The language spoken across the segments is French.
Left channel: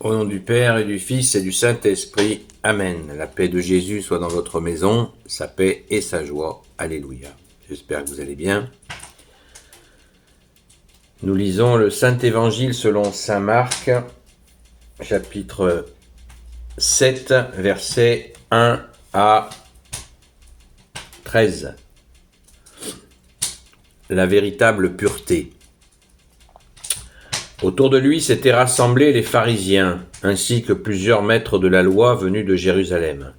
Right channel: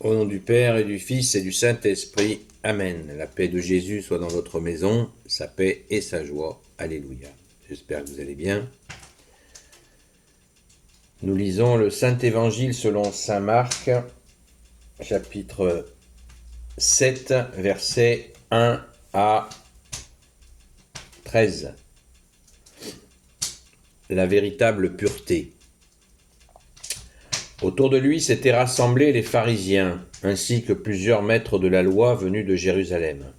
Au nom du Père et du Fils et du Saint-Esprit. Amen. La paix de Jésus soit dans votre maison, sa paix et sa joie. Alléluia. J'espère que vous allez bien. Nous lisons le Saint-Évangile selon saint Marc, chapitre 7, versets 1 à 13. La véritable pureté. Autour de lui s'étaient rassemblés les pharisiens, ainsi que plusieurs maîtres de la loi venus de Jérusalem.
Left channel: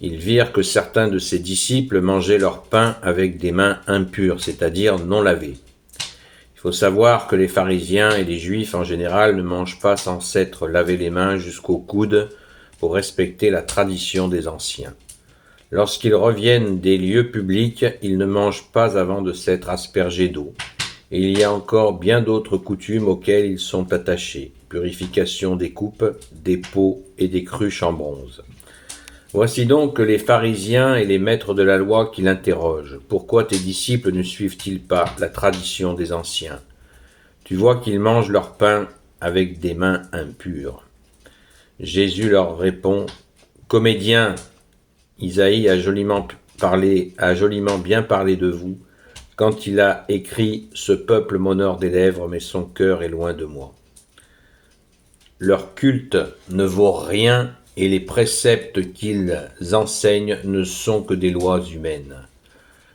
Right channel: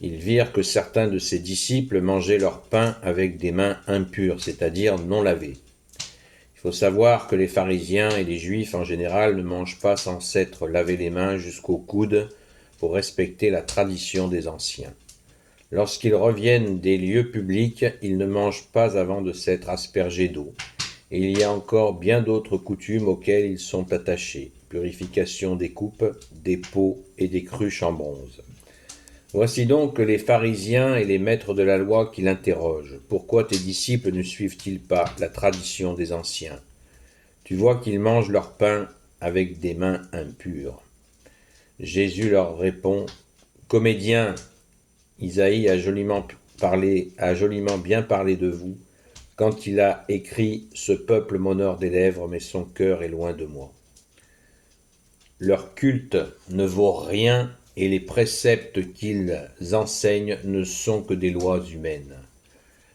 Ils virent que certains de ses disciples mangeaient leur pain avec des mains impures, c'est-à-dire non lavées. Il faut savoir que les pharisiens et les juifs en général ne mangent pas sans s'être lavé les mains jusqu'au coude pour respecter la tradition des anciens. Lorsqu'ils reviennent des lieux publics, ils ne mangent pas avant de s'être aspergés d'eau. Et il y a encore bien d'autres coutumes auxquelles ils sont attachés. Purification des coupes, des pots et des cruches en bronze. Voici donc les pharisiens et les maîtres de la loi qui l'interrogent. Pourquoi tes disciples ne suivent-ils pas la tradition des anciens ? Tu vois qu'ils mangent leur pain avec des mains impures. Jésus leur répond, Comédiens, Isaïe a joliment bien parlé de vous, quand il a écrit « Ce peuple m'honore des lèvres, mais son cœur est loin de moi ». Leur culte ne vaut rien et les préceptes qu'ils enseignent ne sont que des lois humaines.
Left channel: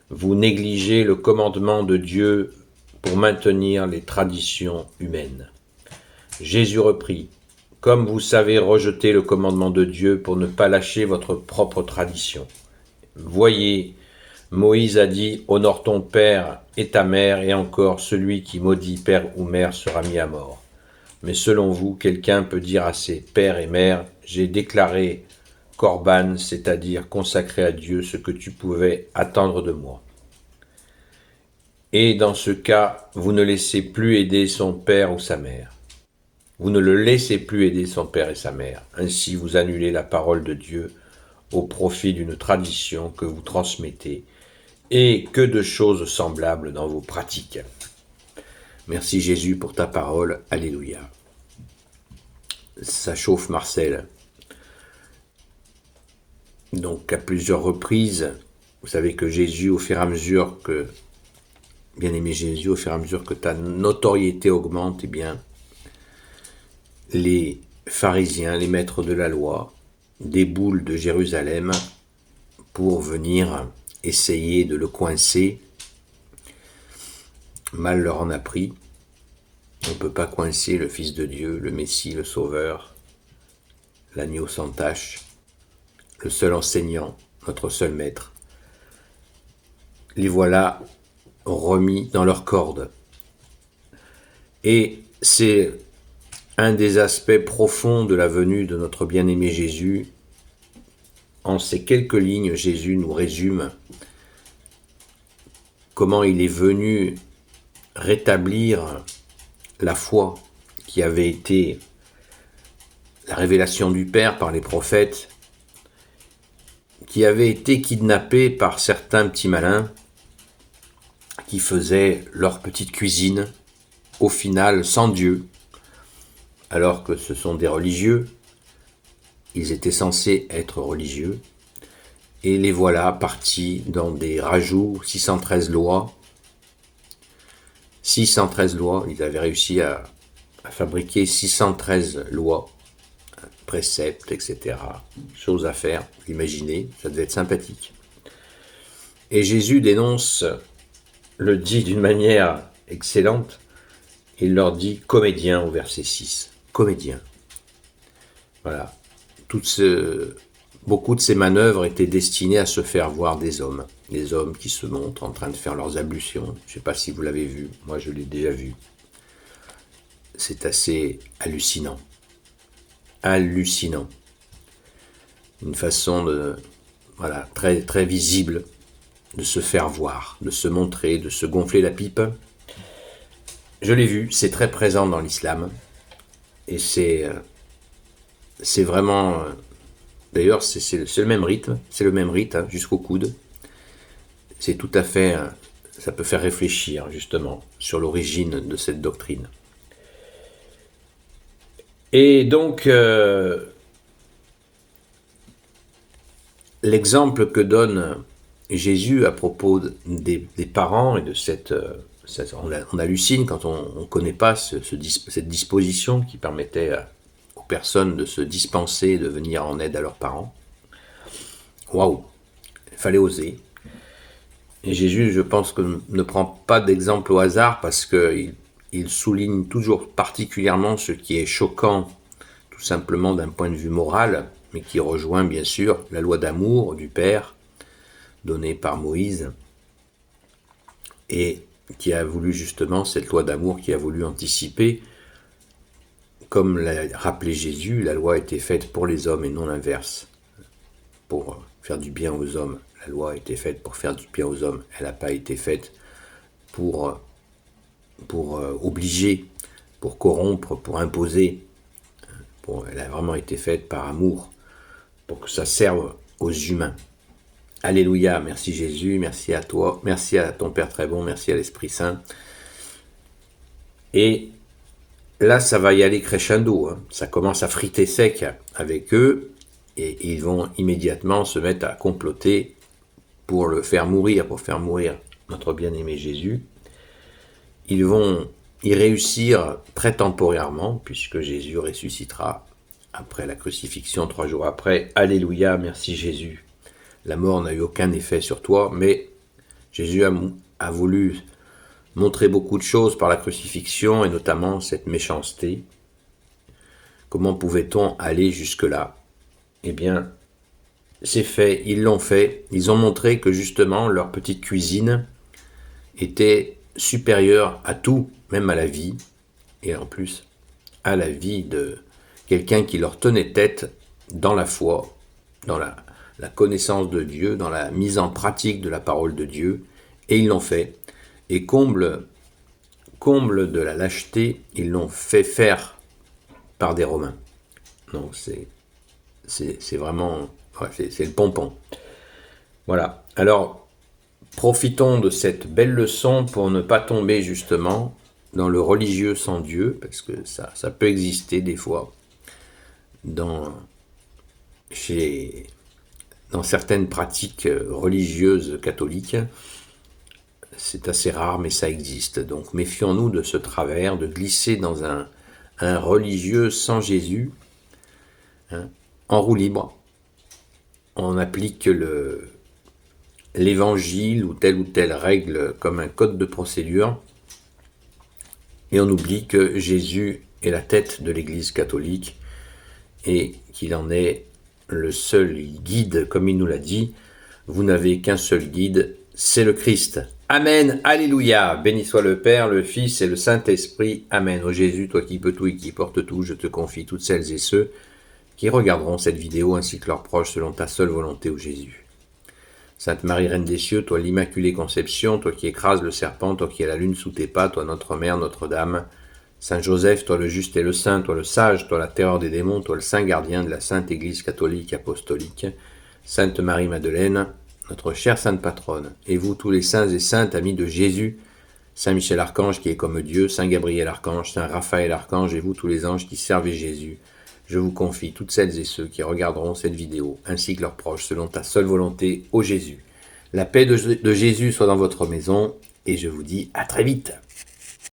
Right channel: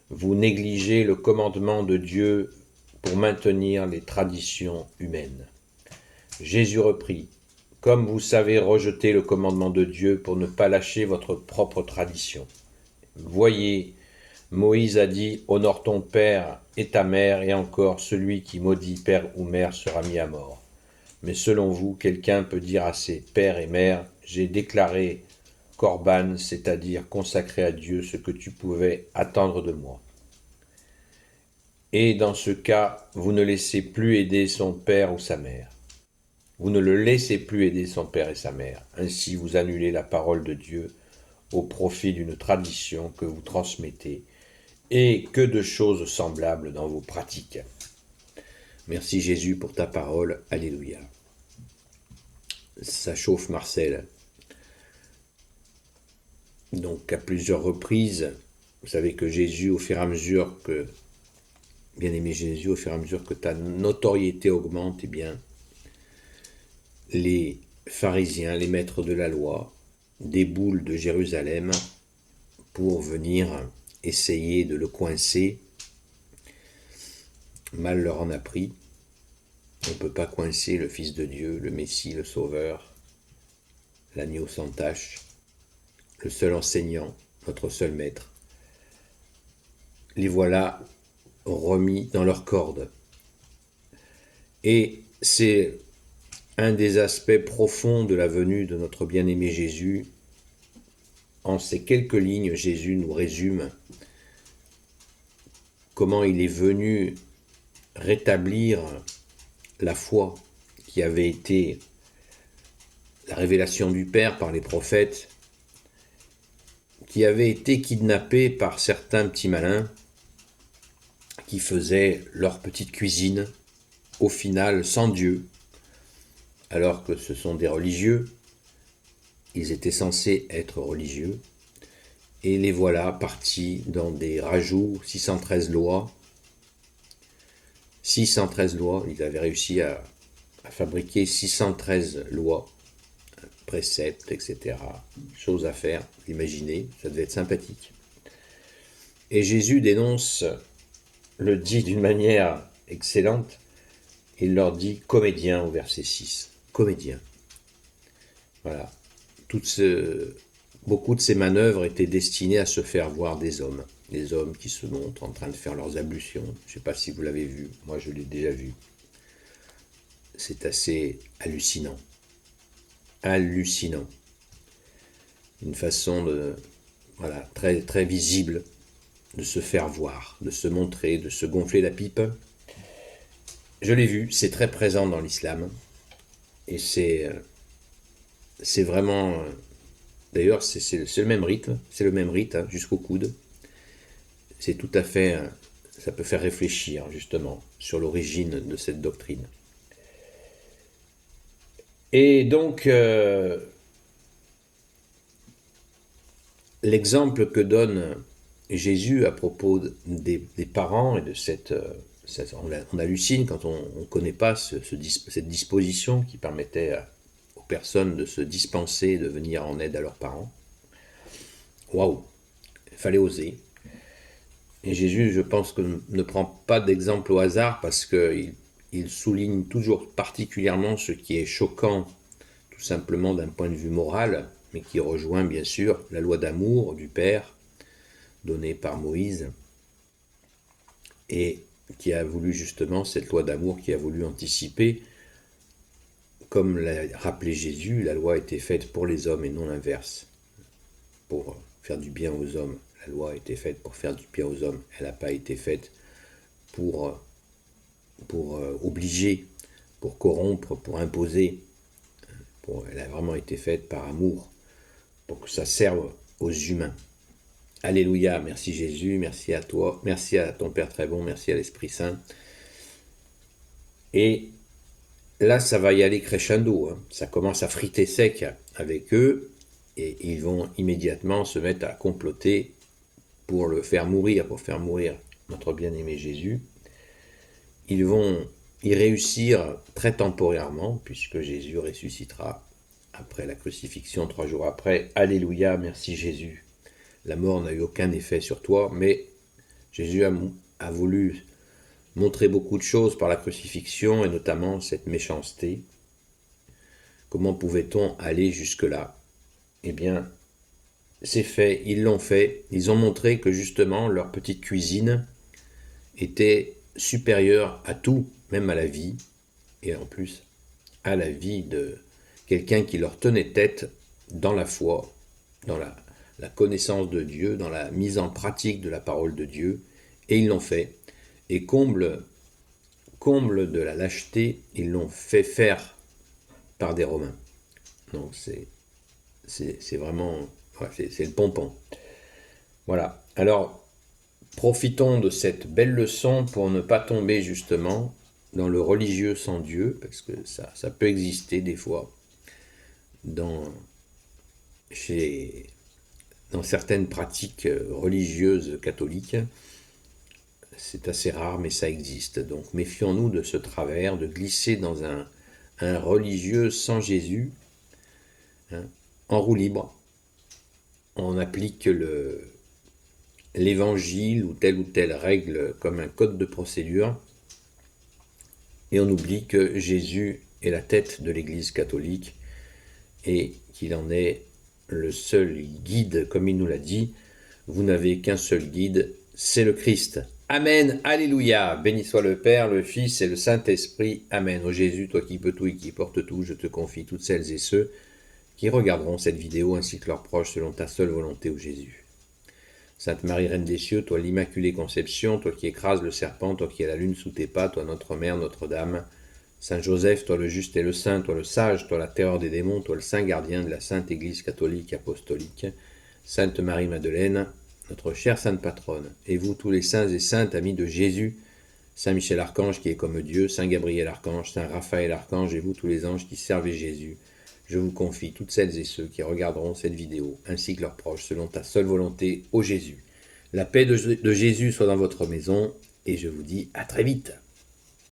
Vous négligez le commandement de Dieu pour maintenir les traditions humaines. Jésus reprit, « Comme vous savez rejeter le commandement de Dieu pour ne pas lâcher votre propre tradition. Voyez, Moïse a dit « Honore ton père et ta mère, et encore celui qui maudit père ou mère sera mis à mort. » Mais selon vous, quelqu'un peut dire à ses pères et mères « J'ai déclaré Corban, c'est-à-dire consacré à Dieu ce que tu pouvais attendre de moi. » Et dans ce cas, vous ne laissez plus aider son père ou sa mère. Vous ne le laissez plus aider son père et sa mère. Ainsi, vous annulez la parole de Dieu au profit d'une tradition que vous transmettez. Et que de choses semblables dans vos pratiques. Merci Jésus pour ta parole. Alléluia. Ça chauffe Marcel. Donc à plusieurs reprises, vous savez que Jésus, au fur et à mesure que, bien-aimé Jésus, au fur et à mesure que ta notoriété augmente, eh bien, les pharisiens, les maîtres de la loi, déboulent de Jérusalem pour venir essayer de le coincer. Mal leur en a pris. On ne peut pas coincer le Fils de Dieu, le Messie, le Sauveur, l'agneau sans tache, le seul enseignant, notre seul maître. Les voilà remis dans leurs cordes. Et c'est un des aspects profonds de la venue de notre bien-aimé Jésus. En ces quelques lignes, Jésus nous résume comment il est venu rétablir la foi qui avait été la révélation du Père par les prophètes, qui avait été kidnappée par certains petits malins qui faisaient leur petite cuisine, au final sans Dieu, alors que ce sont des religieux, ils étaient censés être religieux, et les voilà partis dans des rajouts, 613 lois, ils avaient réussi à fabriquer 613 lois, préceptes, etc. Choses à faire, imaginez, ça devait être sympathique. Et Jésus le dit d'une manière excellente, il leur dit « comédien » au verset 6. Comédien. Voilà. Beaucoup de ces manœuvres étaient destinées à se faire voir des hommes qui se montrent en train de faire leurs ablutions. Je ne sais pas si vous l'avez vu, moi je l'ai déjà vu. C'est assez hallucinant. Hallucinant. Une façon très, très visible de se faire voir, de se montrer, de se gonfler la pipe. Je l'ai vu, c'est très présent dans l'islam. Et c'est vraiment... D'ailleurs, c'est le même rythme, jusqu'au coude. C'est tout à fait... ça peut faire réfléchir, justement, sur l'origine de cette doctrine. Et donc, l'exemple que donne Jésus à propos des parents et de on hallucine quand on ne connaît pas cette disposition qui permettait aux personnes de se dispenser, de venir en aide à leurs parents. Waouh, il fallait oser. Et Jésus, je pense que ne prend pas d'exemple au hasard parce qu'il souligne toujours particulièrement ce qui est choquant, tout simplement d'un point de vue moral, mais qui rejoint bien sûr la loi d'amour du Père donnée par Moïse et qui a voulu justement, cette loi d'amour qui a voulu anticiper, comme l'a rappelé Jésus, la loi a été faite pour les hommes et non l'inverse, pour faire du bien aux hommes. La loi a été faite pour faire du bien aux hommes, elle n'a pas été faite pour obliger, pour corrompre, pour imposer. Elle a vraiment été faite par amour, pour que ça serve aux humains. Alléluia, merci Jésus, merci à toi, merci à ton Père très bon, merci à l'Esprit Saint. Et là, ça va y aller crescendo, ça commence à friter sec avec eux, et ils vont immédiatement se mettre à comploter pour le faire mourir, notre bien-aimé Jésus. Ils vont y réussir très temporairement, puisque Jésus ressuscitera après la crucifixion 3 jours après. Alléluia, merci Jésus. La mort n'a eu aucun effet sur toi, mais Jésus a voulu montrer beaucoup de choses par la crucifixion, et notamment cette méchanceté. Comment pouvait-on aller jusque-là? Eh bien, c'est fait, ils l'ont fait. Ils ont montré que justement, leur petite cuisine était supérieure à tout, même à la vie, et en plus à la vie de quelqu'un qui leur tenait tête dans la foi, dans la connaissance de Dieu, dans la mise en pratique de la parole de Dieu, et ils l'ont fait. Et comble de la lâcheté, ils l'ont fait faire par des Romains. Donc c'est vraiment, c'est le pompon. Voilà, alors profitons de cette belle leçon pour ne pas tomber justement dans le religieux sans Dieu, parce que ça peut exister des fois dans certaines pratiques religieuses catholiques. C'est assez rare, mais ça existe. Donc méfions-nous de ce travers, de glisser dans un religieux sans Jésus, en roue libre. On applique l'évangile ou telle règle comme un code de procédure, et on oublie que Jésus est la tête de l'Église catholique et qu'il en est le seul guide, comme il nous l'a dit. Vous n'avez qu'un seul guide, c'est le Christ. Amen, alléluia. Béni soit le Père, le Fils et le Saint-Esprit. Amen. Ô Jésus, toi qui peux tout et qui portes tout, je te confie toutes celles et ceux qui regarderont cette vidéo ainsi que leurs proches selon ta seule volonté, ô Jésus. Sainte Marie, Reine des cieux, toi l'Immaculée Conception, toi qui écrases le serpent, toi qui as la lune sous tes pas, toi notre Mère, Notre-Dame. Saint Joseph, toi le juste et le saint, toi le sage, toi la terreur des démons, toi le saint gardien de la Sainte Église catholique apostolique. Sainte Marie-Madeleine, notre chère sainte patronne, et vous tous les saints et saintes amis de Jésus, Saint Michel Archange qui est comme Dieu, Saint Gabriel Archange, Saint Raphaël Archange, et vous tous les anges qui servez Jésus, je vous confie toutes celles et ceux qui regarderont cette vidéo, ainsi que leurs proches, selon ta seule volonté, ô Jésus. La paix de Jésus soit dans votre maison, et je vous dis à très vite.